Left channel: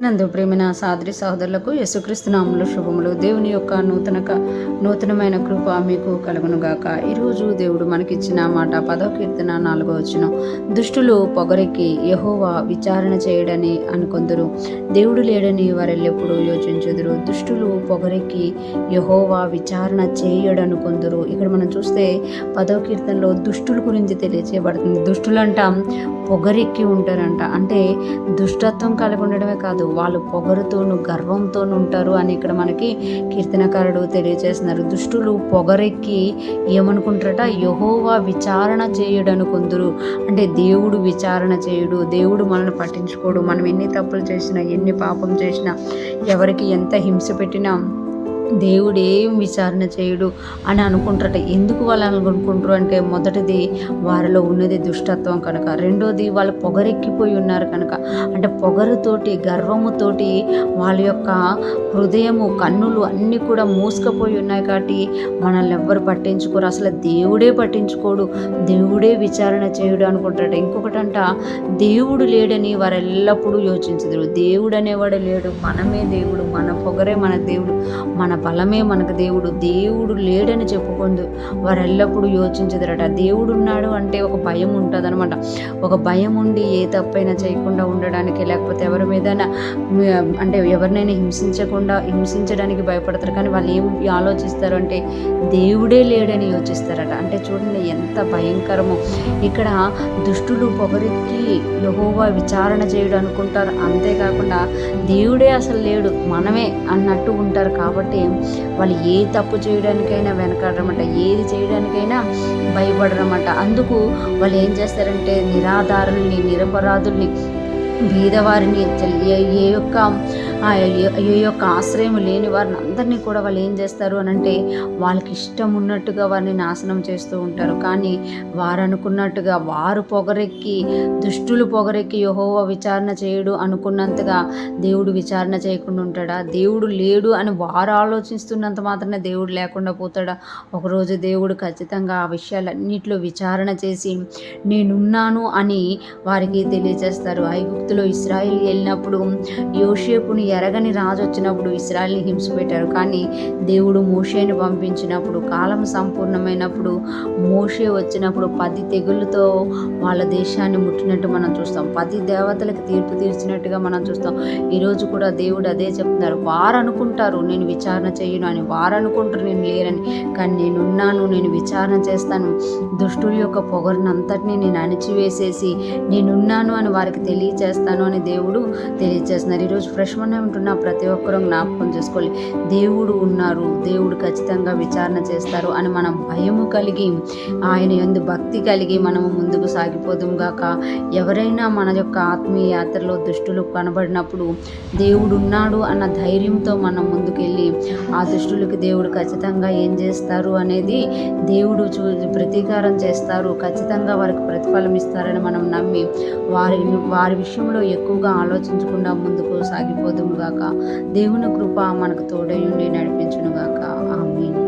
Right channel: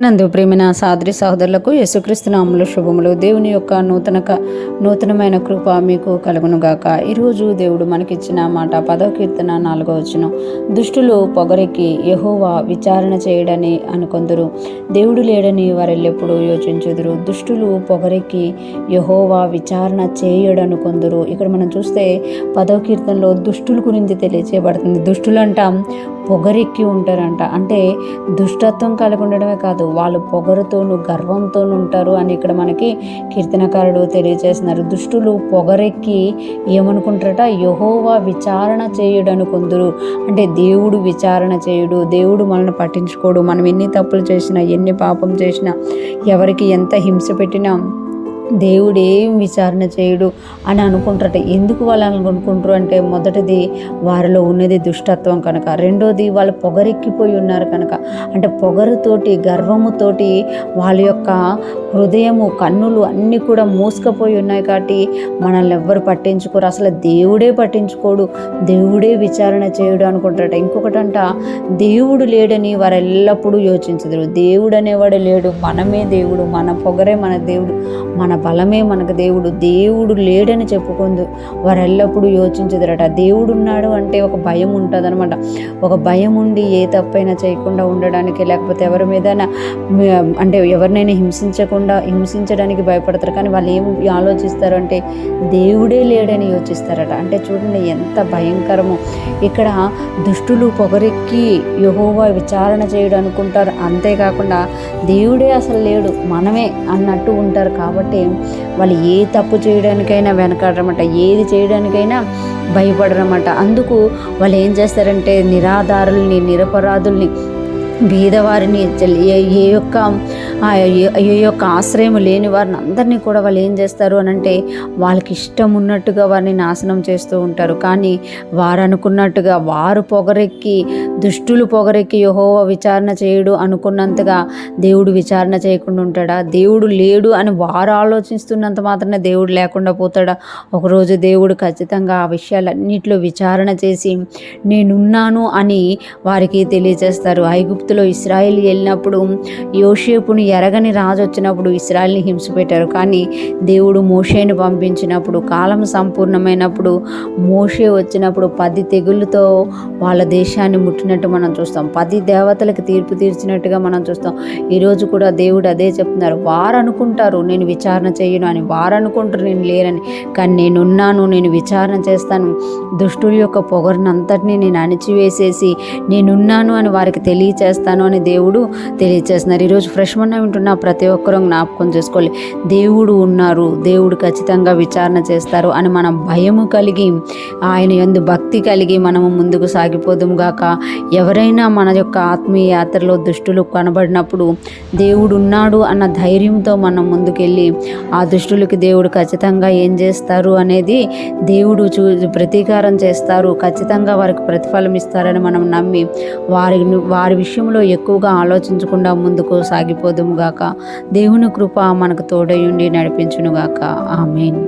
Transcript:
నందు ప్రేమిన సాదరి సహోదరులకు యేసుక్రీస్తు నామములో శుభములు. దేవుని యొక్క నూతనమైన కృప మీకు కలుగునుగాక. ఈరోజు దేవుడు మనకిచ్చిన మాట 10వ కీర్తన 4వ వచనం. దుష్టులు పొగరెక్కి యెహోవా విచారణ చేయడని అనుకొందురు, దేవుడు లేడని వారెల్లెప్పుడు యోచించుదురు. దుష్టులు పొగరెక్కి యెహోవా విచారణ చేయడనుకొందురు. ఇక్కడ మనం చూస్తే 10వ కీర్తనలో దుష్టుల గురించి తెలియచేయబడుతుంది. దుష్టులంట పొగరెక్కి ఉంటారంట. అంటే దుష్టత్వం కలిగి ఉండడమే కాదు, వాళ్ళు పొగరుతోనూ గర్వంతోనూ ఉంటారు అని ఇక్కడ మనకి కీర్తనకారుడు తెలియజేస్తున్నారు. దుష్టులు పొగరెక్కి ఏమనుకుంటారట, యెహోవా విచారణ చేయుడనుకొందురు. అంటే దేవుడు విచారణ చేయుడు, దేవుడు మనల్ని పట్టించుకోడు. మనం ఎన్ని తప్పులు చేసినా, ఎన్ని పాపం చేసినా, ఎవరికి ఎంత హింస పెట్టినా దేవుడు ఏం విచారణ చేయడు అని అనుకుంటారట. ఎందుకు వాళ్ళు అనుకుంటారు అంటే, మొదటిది వారిలో ఉన్నది దుష్టత్వం కనుక, రెండోది వాళ్ళు పొగరెక్కిపోయి ఉన్నారు కనుక. అంటే పొగరుతోటి గర్వముతోటి వాళ్ళ యొక్క హృదయము కన్నులు అన్నీ కూడా మూసుకుపోయి ఉన్నాయి కాబట్టి మనల్ని ఎవ్వరు పట్టించుకోరు. అసలు దేవుడే పట్టించుకోడు, దేవుడే విచారణ చేయడు అనుకుంటారట. ఇంకొకటంట, దేవుడు లేడని వారు ఎల్లప్పుడూ యోచించదురు. దేవుడు అనేవాడు లేడు, మనమే దేవుడు, మన పొగరే మన దేవుడు, మన బలమే మనకు దేవుడు. దేవుడు లేడని చెప్పుకుందు వారు ఎల్లప్పుడూ యోచించదురట. దేవుడు ఉన్నాడు అంటే ఒక భయం ఉంటుంది అనమాట. ఒక భయం ఉండి ఏ తప్పైనా చేయకుండా ఉండడానికి, లేకపోతే ఎవరి మీద అంటే ఎవరినైనా హింసించడానికి భయపడతారు. కానీ వాళ్ళు ఏం ఆలోచిస్తారు అంటే, దేవుడే లేడని యోచిస్తారట. అంటే చూడండి ఎంత భయంకరమో. ఇక్కడ దుష్టులు పొగరెక్కి యెహోవా విచారణ చేయడం అనుకుంటారు. అంతేకాకుండా దేవుడే అసలు లేడు, మనమే అన్నట్టు ఉంటారు. కాబట్టి వాళ్ళు ఏ తప్పు చేయడానికైనా వెనకాడరమాట, ఏది చేయడానికైనా భయపడరమాట. అందుకు వాళ్ళు ఏం చేస్తారంటే, నిరాధారుల్ని, నిరపరాధుల్ని, బీదవారిని, ఏ యొక్క ఆశ్రయం లేని వారిని అందరినీ కూడా వాళ్ళు ఏం చేస్తారు అని అంటే, వాళ్ళకి ఇష్టం ఉన్నట్టుగా వారిని నాశనం చేస్తూ ఉంటారు. కానీ వారు అనుకున్నట్టుగా, వారు పొగరెక్కి, దుష్టులు పొగరెక్కి యెహోవా విచారణ చేయడు అనుకున్నంతగా దేవుడు విచారణ చేయకుండా ఉంటాడా? దేవుడు లేడు అని వారు ఆలోచిస్తున్నంత మాత్రమే దేవుడు లేకుండా పోతాడా? ఒకరోజు దేవుడు ఖచ్చితంగా ఆ విషయాలన్నింటిలో విచారణ చేసి నేనున్నాను అని వారికి తెలియజేస్తారు. ఐగుప్తులో ఇశ్రాయేలు వెళ్ళినప్పుడు యోసేపుని ఎరగని రాజు వచ్చినప్పుడు ఇశ్రాయేల్ని హింస పెట్టారు. కానీ దేవుడు మోషేని పంపించినప్పుడు, కాలం సంపూర్ణమైనప్పుడు, మోషే వచ్చినప్పుడు 10 తెగుళ్ళతో వాళ్ళ దేశాన్ని ముట్టినట్టు మనం చూస్తాం. 10 దేవతలకు తీర్పు తీర్చినట్టుగా మనం చూస్తాం. ఈరోజు కూడా దేవుడు అదే చెప్తున్నారు. వారు అనుకుంటారు నేను విచారణ చేయను అని, వారు అనుకుంటారు నేను లేనని, కానీ నేనున్నాను, నేను విచారణ చేస్తాను. దుష్టుల యొక్క పొగరునంతటినీ నేను అణిచివేసేసి నేనున్నాను అని వారికి తెలియచేస్తాను అని దేవుడు తెలియచేస్తున్నారు. ఈరోజు ఫ్రెష్ మన్నా వింటున్న ప్రతి ఒక్కరూ జ్ఞాపకం చేసుకోవాలి, దేవుడు ఉన్నారు, దేవుడు ఖచ్చితంగా విచారణ చేస్తారు అని మనం భయము కలిగి, ఆయన యందు భక్తి కలిగి మనము ముందుకు సాగిపోదుము గాక. ఎవరైనా మన యొక్క ఆత్మీయ యాత్రలో దుష్టులు కనబడినప్పుడు దేవుడు ఉన్నాడు అన్న ధైర్యంతో మనం ముందుకెళ్ళి ఆ దుష్టులకి దేవుడు ఖచ్చితంగా ఏం చేస్తారు అనేది దేవుడు ప్రతీకారం చేస్తారు, ఖచ్చితంగా వారికి ప్రతిఫలం ఇస్తారని మనం నమ్మి వారి విషయంలో ఎక్కువగా ఆలోచించకుండా ముందుకు సాగిపోదుము గాక. దేవుని కృప మనకు తోడయుండి నడిపించును గాక. ఆమేన్.